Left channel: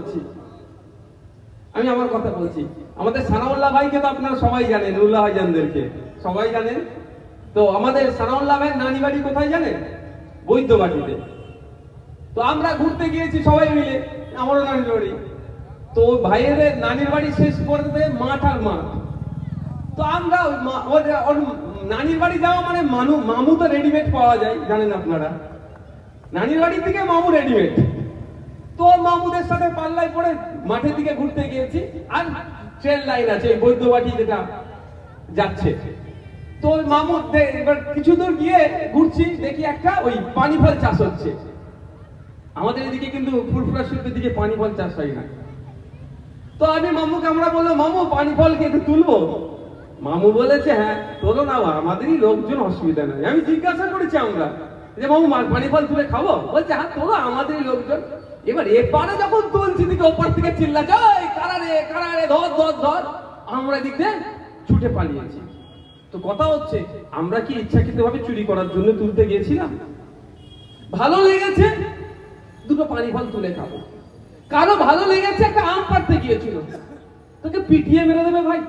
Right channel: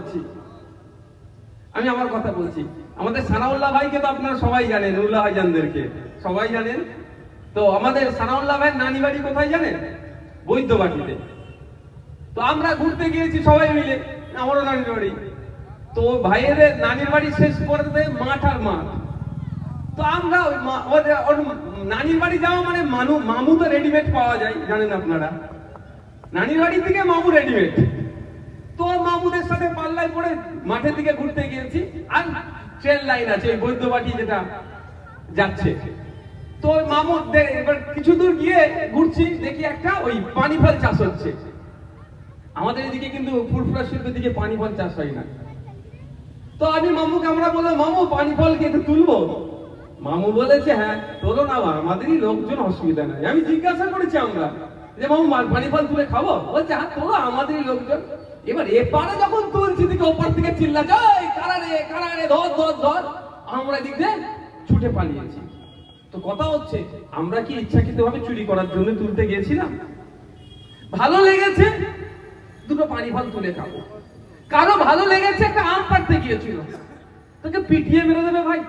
বলছি, আমি আমার কথা বলছি। আমাদের সানাউল্লাহ ভাইকে তো আপনারা সবাই জানেন, উল্লাহ ভাইজানদেরকে সবাই জানেন। তো আমাদের সানাউল্লাহ ভাইয়ের নানি বাড়ি কোথায় জানেন? বৈদ্যবাটিতে। তো আমরা ঘুরতে গিয়েছি সবাই মিলে, আমারও নানির বাড়ি। তো ভাইয়েদের নানির বাড়ি শেষ করতে মাঠ আর মাঠ। তো আমরা নানির বাড়ি যাওয়া মানে মামু তো রেডিমেড পাওয়া যায়, জানেন আপনারা। নানির বাড়ি থেকে মামু রেডিমেড। তো মামুদের সাথে পাল্লায় পড়ে মাঠের দিকে ঘুরতে গিয়েছি। আর ট্রেন লাইন আছে ওই বৈদ্যবাটি যেটা যাচ্ছে। তো মামু এবার কিছু দূর গিয়ে ঘুরছি, দেখি একটা ওই পানি ফল চাষ হচ্ছে। আমাদের এদিকে কিন্তু ফুরফুরা শরীফের দিকে পানি ফল চাষ হয় না। তো আমি মামুকে আমরা বললাম, মামু পানি ফল কি একটু তুলবো? মামু বলেছে হ্যাঁ তোলো না, আমাদেরই লোকজন, অসুবিধা নাই। আমি জিজ্ঞাসা করেছি আমরা যে মামু পানি ফল তুলে খাবো? বলছে হ্যাঁ তোলো, আমাদেরই লোকজন। এবার এপারে যখন তুলছি দিকে ওপার থেকে চিল্লাচ্ছে, এই কারারে কারারে, ধর ধর ধর। আমরা এদিক দিয়ে ছুটে পালিয়েছি। তো কথা হচ্ছে, আমরা কি ইচ্ছাকৃতভাবে চুরি করার জন্য তুলতে গেছিলাম? ভালো লেগেছে দুটো পানি ফল তুলে খাবো। কারো ভালো লেগেছে একটা আম পাড়তে গিয়েছিল, তোকে পিটিয়ে মেরে দেবে ভাই।